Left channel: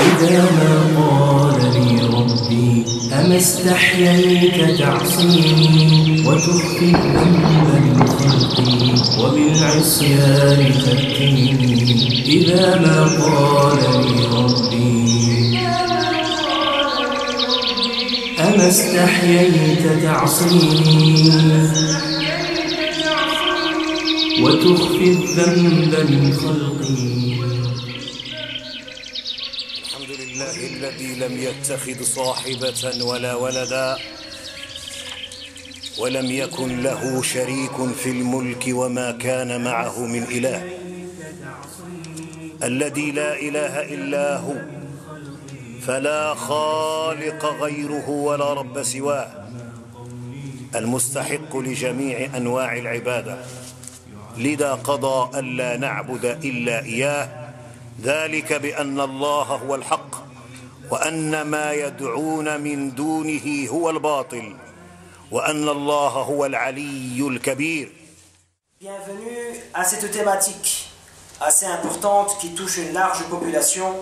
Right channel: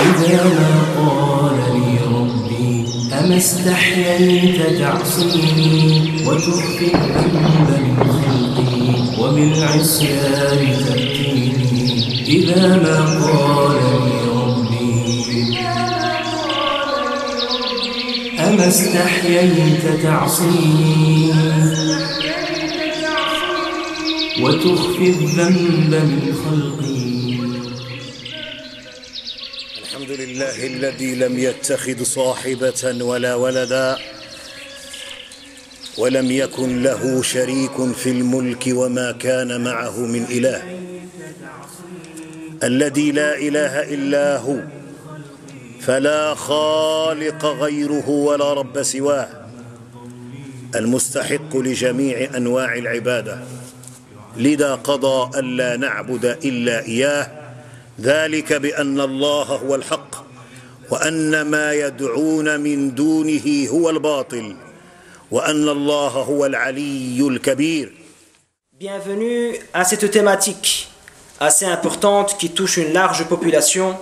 إذا ما قال لي ربي أما استحييت تعصيني وتخفي الذنب من خلقي وبالعصيان تأتيني إذا ما قال لي ربي أما استحييت تعصيني وتخفي الذنب من خلقي. الحمد لله الذي لم يتخذ صاحبة ولا ولدا ولم يكن له شريك في الملك وما كان معه من إله، الذي لا إله إلا هو فلا خالق غيره ولا رب سواه، المستحق لجميع أنواع العبادة، لذا قضى ألا نعبد إلا إياه، ذلك بأن الله هو الحق وأن ما يدعون من دونه هو الباطل وأن الله هو العلي الكبير. Bienvenue à cette thématique assez importante qui touche une large population,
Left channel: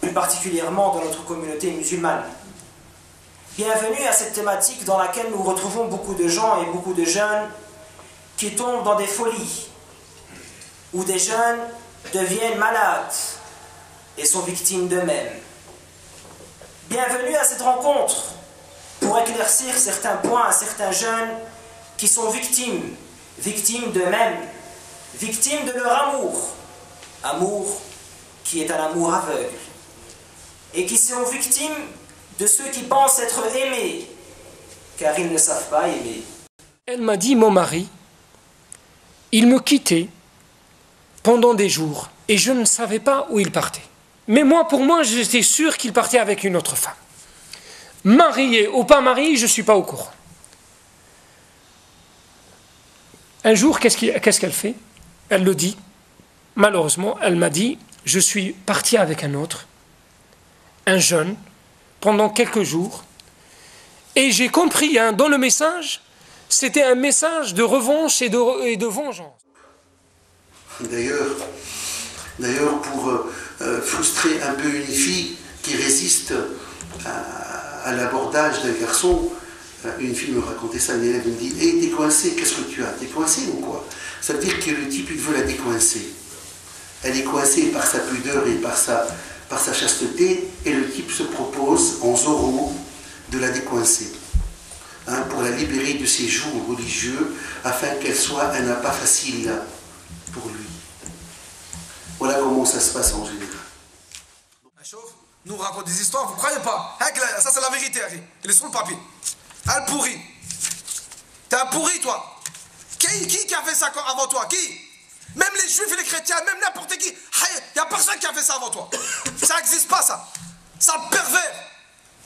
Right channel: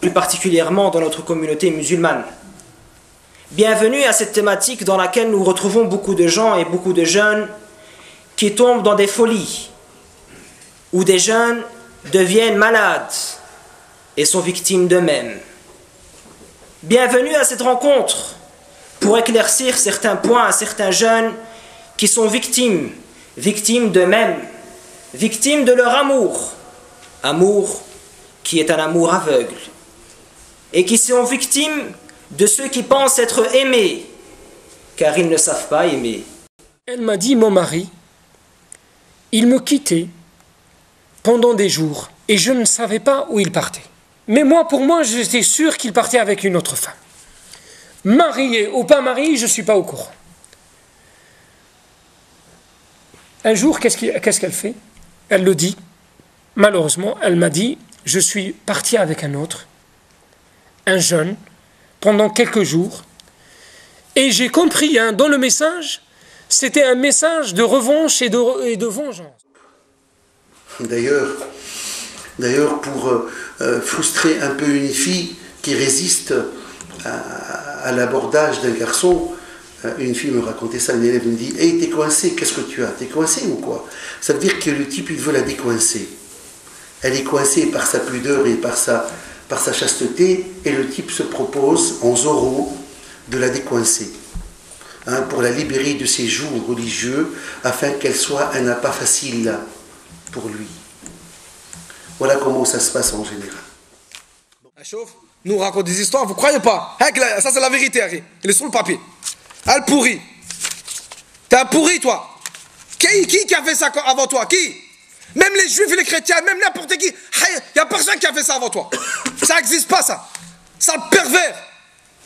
plus particulièrement dans notre communauté musulmane. Bienvenue à cette thématique dans laquelle nous retrouvons beaucoup de gens et beaucoup de jeunes qui tombent dans des folies, où des jeunes deviennent malades et sont victimes d'eux-mêmes. Bienvenue à cette rencontre pour éclaircir certains points à certains jeunes qui sont victimes d'eux-mêmes, victimes de leur amour qui est un amour aveugle, et qui sont victimes de ceux qui pensent être aimés, car ils ne savent pas aimer. Elle m'a dit, mon mari, il me quittait pendant des jours, et je ne savais pas où il partait. Mais pour moi, j'étais sûr qu'il partait avec une autre femme. Marié ou pas marié, je ne suis pas au courant. Un jour, qu'est-ce qu'elle fait? Elle le dit. Malheureusement, elle m'a dit, je suis parti avec un autre, un jeune, pendant quelques jours, et j'ai compris, dans le message, c'était un message de revanche et de vengeance. D'ailleurs, pour frustrer un peu une fille qui résiste à l'abordage d'un garçon, une fille me racontait ça, une élève me dit « Hey, t'es coincé, qu'est-ce que tu as? T'es coincé ou quoi ?» Ça veut dire que le type, il veut la décoincer. Elle est coincée par sa pudeur et par sa chasteté, et le type se propose, en Zorro, de la décoincer, pour la libérer de ses jougs religieux, afin qu'elle soit un appât facile pour lui. Voilà comment ça se passe en général. Nous raconte des histoires, vous croyez pas? Ça c'est la vérité, Harry. Il est sur le papier. Elle pourrit. T'es un pourri, toi. Qui a fait ça avant toi? Qui? Même les juifs et les chrétiens, même n'importe qui. Il n'y a personne qui a fait ça avant toi. Ça n'existe pas, ça. Ça le pervers.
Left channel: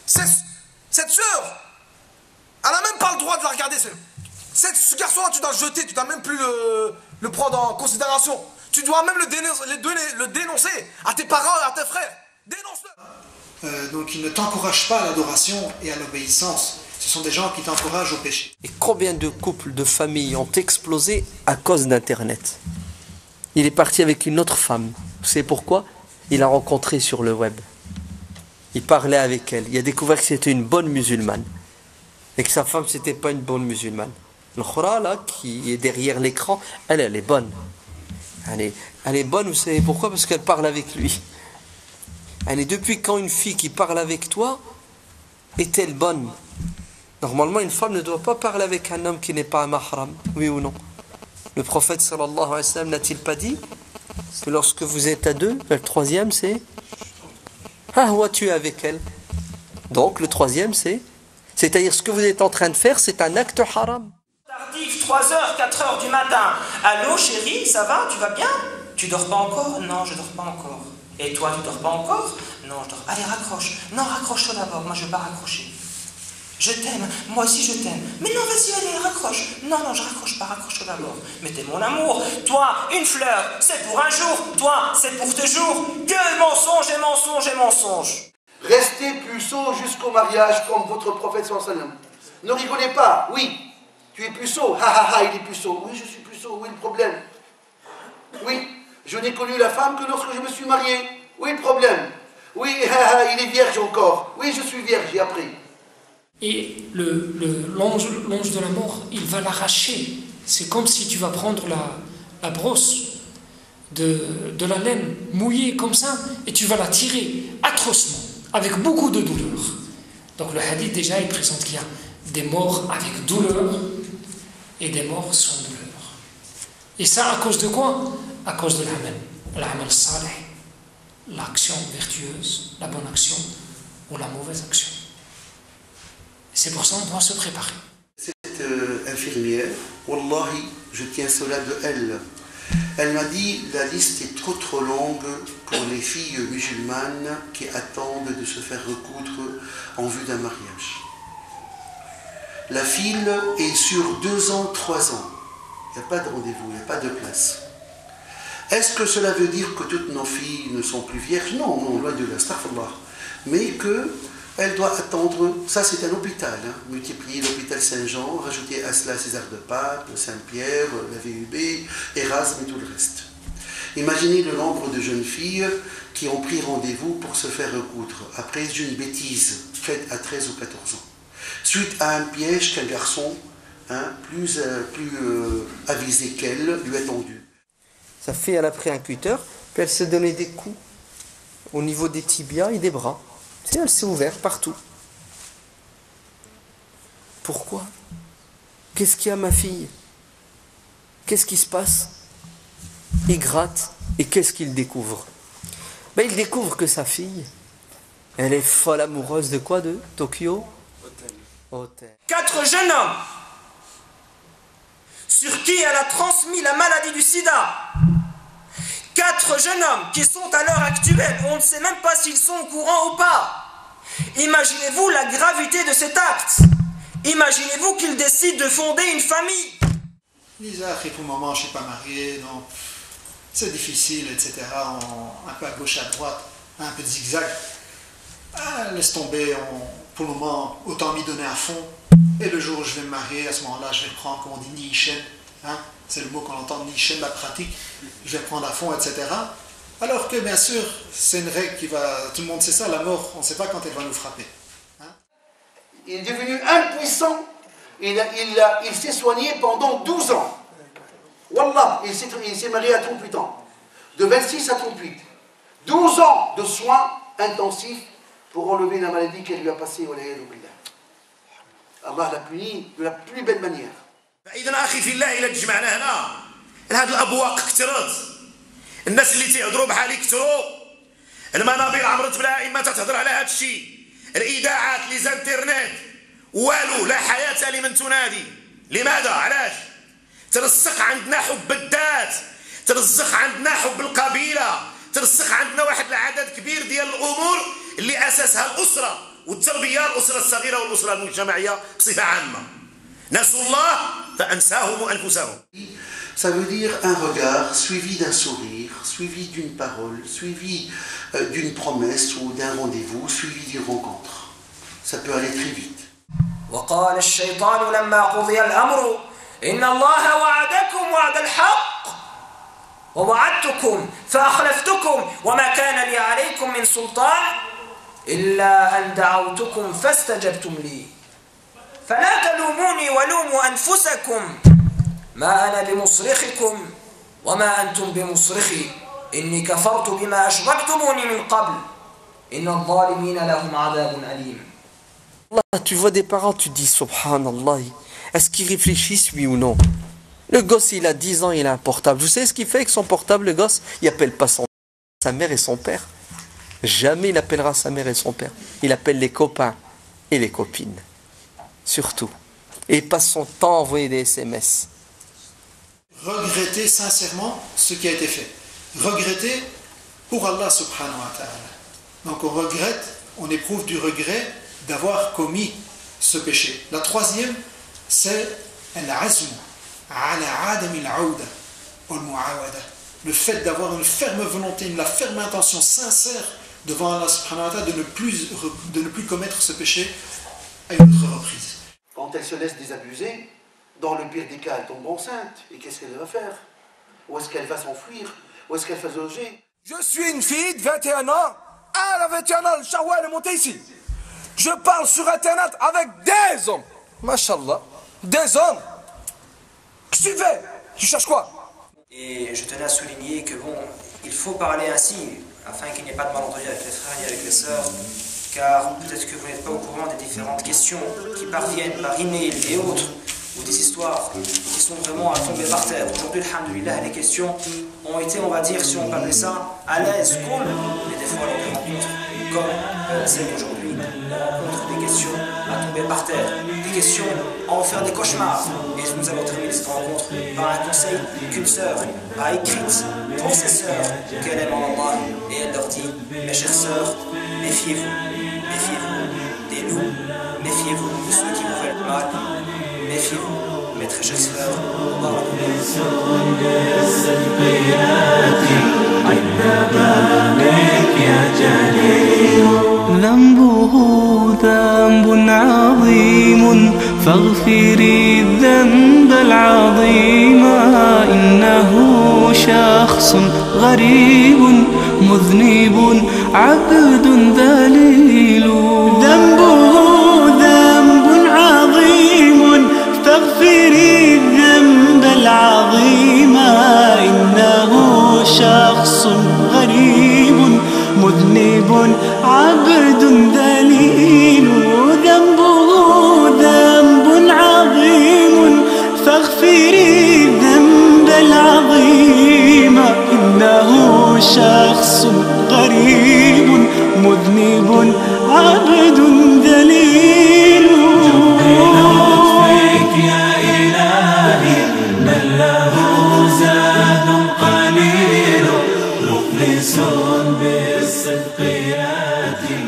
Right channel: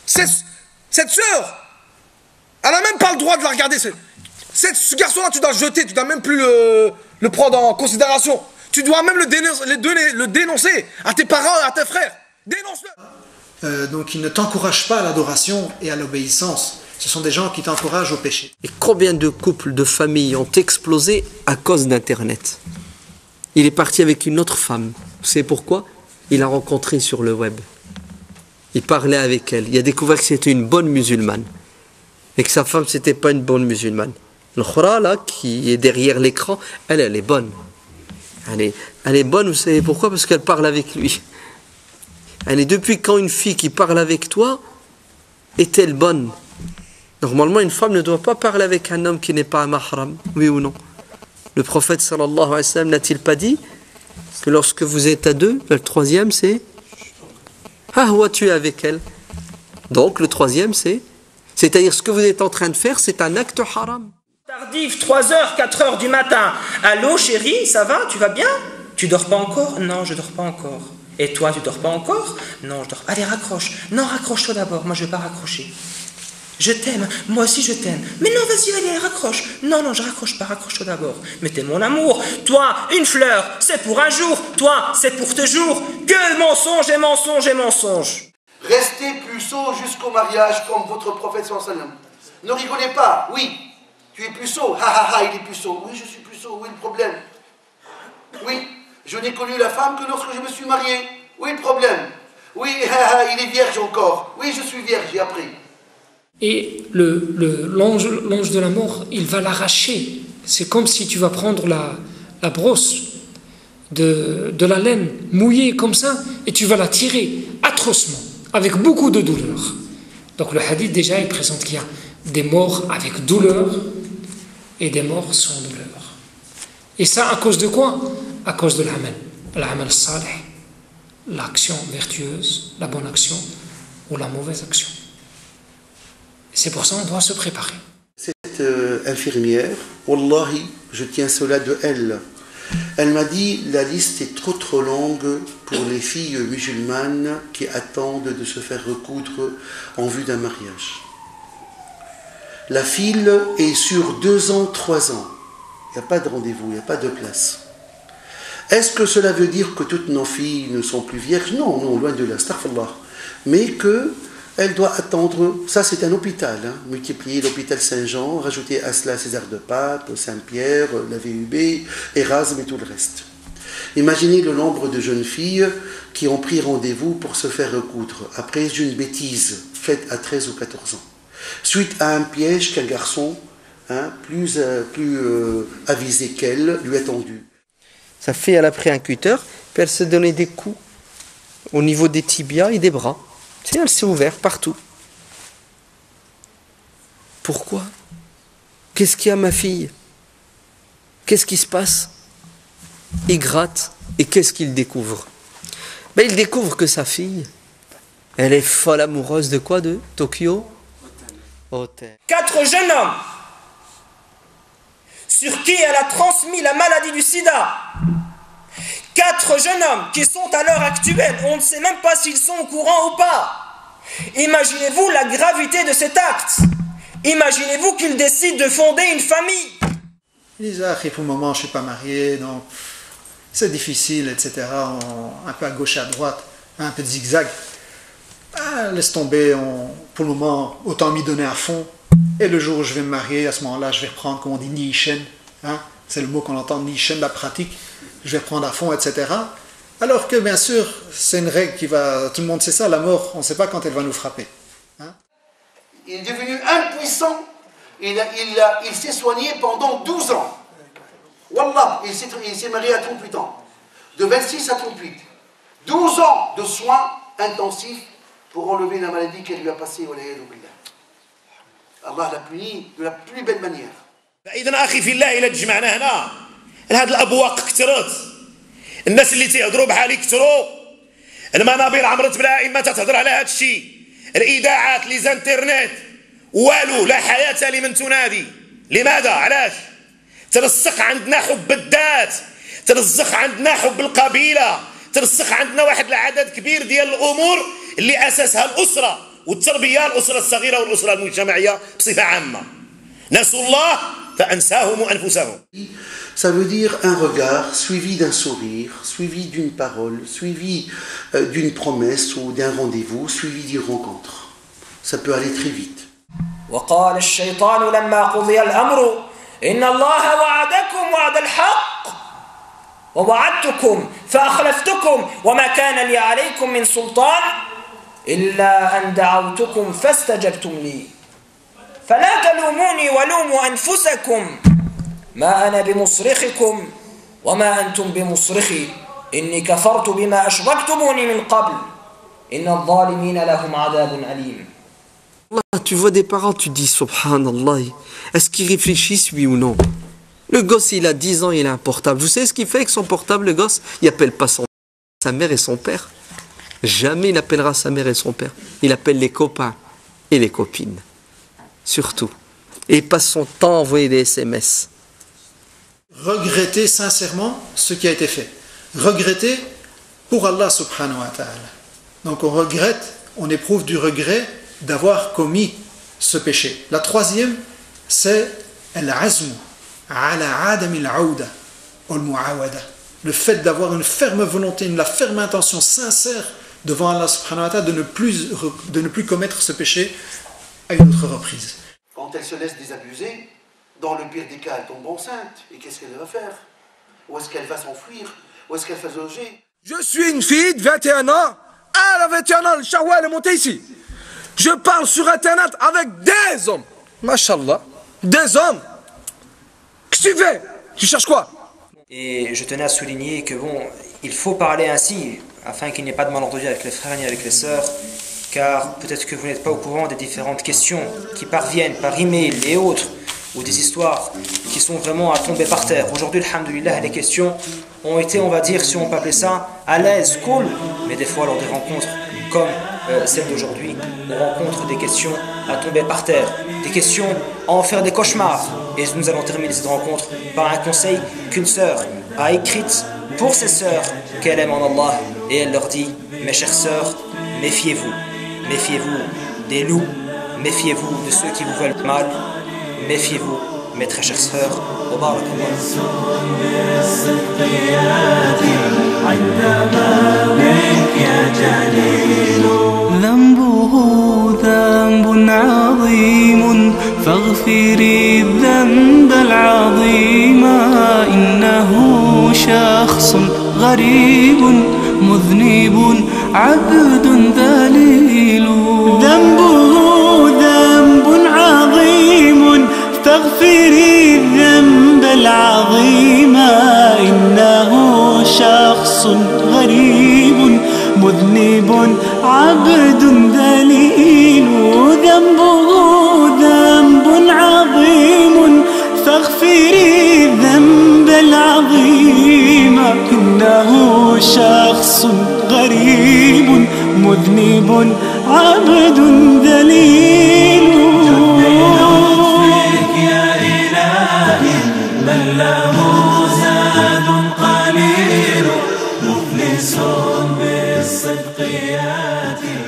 Cette sœur, elle n'a même pas le droit de la regarder. Ce garçon-là, tu dois le jeter, tu dois même plus le prendre en considération. Tu dois même le dénoncer à tes parents et à tes frères. Dénonce-le. Donc ils ne t'encouragent pas à l'adoration et à l'obéissance. Ce sont des gens qui t'encouragent au péché. Et combien de couples, de familles ont explosé à cause d'Internet? Il est parti avec une autre femme. Vous savez pourquoi? Il l'a rencontrée sur le web. Il parlait avec elle. Il a découvert que c'était une bonne musulmane. Et que sa femme, c'était pas une bonne musulmane. Le khura, là, qui est derrière l'écran, elle est bonne. Elle est bonne, vous savez pourquoi? Parce qu'elle parle avec lui. Depuis quand une fille qui parle avec toi est-elle bonne? Normalement, une femme ne doit pas parler avec un homme qui n'est pas un mahram, oui ou non? Le prophète sallallahu alayhi wa sallam n'a-t-il pas dit que lorsque vous êtes à deux, le troisième c'est tu es avec elle. Donc le troisième c'est-à-dire ce que vous êtes en train de faire, c'est un acte haram. Tardif, 3h, 4h du matin. Allô chérie, ça va? Tu vas bien? Tu dors pas encore? Non, je dors pas encore. Et toi, tu dors pas encore? Non, je dors. Allez, raccroche. Non, raccroche-toi d'abord. Moi, je vais pas raccrocher. Je t'aime. Moi aussi, je t'aime. Mais non, vas-y, allez, raccroche. Non, je raccroche pas. Raccroche-toi d'abord. Mais t'es mon amour. Toi, une fleur, c'est pour un jour. Toi, c'est pour toujours. Que mensonge et mensonge et mensonge. Restez puceau jusqu'au mariage comme votre prophète sallallahu alayhi wa sallam. Ne rigolez pas. Oui, tu es puceau. Il est puceau. Oui, je suis puceau. Où est le problème? Oui, je n'ai connu la femme que lorsque je me suis marié. Où est le problème? Oui, il est vierge encore. Oui, je suis vierge, j'ai appris. Et l'ange de la mort, il va l'arracher. C'est comme si tu vas prendre la brosse de la laine mouillée comme ça et tu vas la tirer atrocement, avec beaucoup de douleur. Donc le hadith déjà, il présente qu'il y a des morts avec douleur et des morts sans douleur. Et ça à cause de quoi? À cause de l'amal salih, l'action vertueuse, la bonne action ou la mauvaise action. C'est pour ça qu'on doit se préparer. Cette infirmière, wallahi, je tiens cela de elle. Elle m'a dit, la liste est trop longue pour les filles musulmanes qui attendent de se faire recoudre en vue d'un mariage. La file est sur 2 ans, 3 ans. Il n'y a pas de rendez-vous, il n'y a pas de place. Est-ce que cela veut dire que toutes nos filles ne sont plus vierges? Non, non, loin de là, astaghfirullah. Mais qu'elle doit attendre, ça c'est un hôpital, multiplier l'hôpital Saint-Jean, rajouter à cela César de Pape, Saint-Pierre, la VUB, Erasme et tout le reste. Imaginez le nombre de jeunes filles qui ont pris rendez-vous pour se faire recoudre, après une bêtise faite à 13 ou 14 ans, suite à un piège qu'un garçon plus avisé qu'elle lui a tendu. Sa fille, elle a pris un cutter, puis elle se donnait des coups au niveau des tibias et des bras. Tu sais, elle s'est ouverte partout. Pourquoi? Qu'est-ce qu'il y a, ma fille? Qu'est-ce qui se passe? Il gratte, et qu'est-ce qu'il découvre? Il découvre que sa fille, elle est folle amoureuse de quoi? De Tokyo Hotel. 4 jeunes hommes sur qui elle a transmis la maladie du sida. 4 jeunes hommes qui sont à l'heure actuelle, on ne sait même pas s'ils sont au courant ou pas. Imaginez-vous la gravité de cet acte. Imaginez-vous qu'ils décident de fonder une famille. Ils disent, pour le moment, je ne suis pas marié, donc c'est difficile, etc. Un peu à gauche et à droite, un peu de zigzag. Laisse tomber, pour le moment, autant m'y donner à fond. Et le jour où je vais me marier, à ce moment-là, je vais reprendre, comme on dit, Nichen. C'est le mot qu'on entend, Nichen, la pratique. Je vais reprendre à fond, etc. Alors que, bien sûr, c'est une règle qui va... Tout le monde sait ça, la mort, on ne sait pas quand elle va nous frapper. Il est devenu impuissant. Il s'est soigné pendant 12 ans. Wallah, il s'est marié à 38 ans. De 26 à 38. 12 ans de soins intensifs pour enlever la maladie qu'elle lui a passée. Allah l'a puni de la plus belle manière. فإذا أخي في الله إلا تجمعنا هنا هاد الأبواق كثرت الناس اللي تيهضروا بحالي كثروا المنابر عمرت بلا إما تتهضر على هذا الشيء الإذاعات لي زانترنت والو لا حياة لمن تنادي لماذا علاش ترسخ عندنا حب الذات ترسخ عندنا حب القبيلة ترسخ عندنا واحد العدد كبير ديال الأمور اللي أساسها الأسرة والتربية الأسرة الصغيرة والأسرة المجتمعية بصفة عامة نسوا الله فأنساهم أنفسهم. Ça veut dire un regard suivi d'un sourire, suivi d'une parole, suivi d'une promesse ou d'un rendez-vous, suivi d'une rencontre. Ça peut aller très vite. وقال الشيطان لما قضي الأمر إن الله وعدكم وعد الحق ووعدتكم فأخلفتكم وما كان لي عليكم من سلطان إلا أن دعوتكم فاستجبتم لي فلا تلوموني ولوموا أنفسكم ما أنا بمصرخكم وما أنتم بمصرخي إني كفرت بما أشركتموني من قبل إن الظالمين لهم عذاب أليم. Tu vois des parents, tu dis subhanallah, est-ce qu'ils réfléchissent oui ou non? Le gosse il a 10 ans, il a un portable. Vous savez ce qu'il fait avec son portable, le gosse? Il appelle pas sa mère et son père. Jamais il appellera sa mère et son père. Il appelle les copains et les copines. Surtout. Et il passe son temps à envoyer des SMS. Regretter sincèrement ce qui a été fait. Regretter pour Allah subhanahu wa ta'ala. Donc on regrette, on éprouve du regret d'avoir commis ce péché. La troisième, c'est al-azmu ala adami al-aouda wal-mu'awada. Le fait d'avoir une ferme volonté, la ferme intention sincère devant Allah subhanahu wa ta'ala de ne plus commettre ce péché à une autre reprise. Quand elle se laisse désabuser, dans le pire des cas, elle tombe enceinte. Et qu'est-ce qu'elle va faire? Où est-ce qu'elle va s'enfuir? Où est-ce qu'elle va se loger? Je suis une fille de 21 ans. Ah la vie éternelle, le Shawwal est monté ici. Je parle sur Internet avec des hommes. Mashallah. Des hommes. Qu'est-ce que tu fais? Tu cherches quoi? Et je tenais à souligner que bon, il faut parler ainsi, afin qu'il n'y ait pas de malentendu avec les frères ni avec les sœurs, car peut-être que vous n'êtes pas au courant des différentes questions qui parviennent par email et autres, ou des histoires qui sont vraiment à tomber par terre. Aujourd'hui, alhamdoulilah, les questions ont été, on va dire, si on peut appeler ça, à l'aise, cool, mais des fois lors de rencontres comme celle d'aujourd'hui, on rencontre des questions à tomber par terre, des questions à en faire des cauchemars. Et nous allons terminer cette rencontre par un conseil qu'une sœur a écrit pour ses sœurs qu'elle aime en Allah, et elle leur dit: mes chères sœurs, méfiez-vous, méfiez-vous des loups, méfiez-vous de ceux qui vous veulent mal, méfiez-vous, mes très chères sœurs. ذنبه ذنب عظيم فاغفري الذنب العظيم إنه شخص غريب مذنب عبد ذليل ذنبه ذنب عظيم فاغفري الذنب العظيم إنه شخص غريب مذنب عبد ذليل ذنبه ذنب عظيم فاغفري الذنب العظيم إنه شخص غريب مذنب عبد ذليل بالصدق يأتي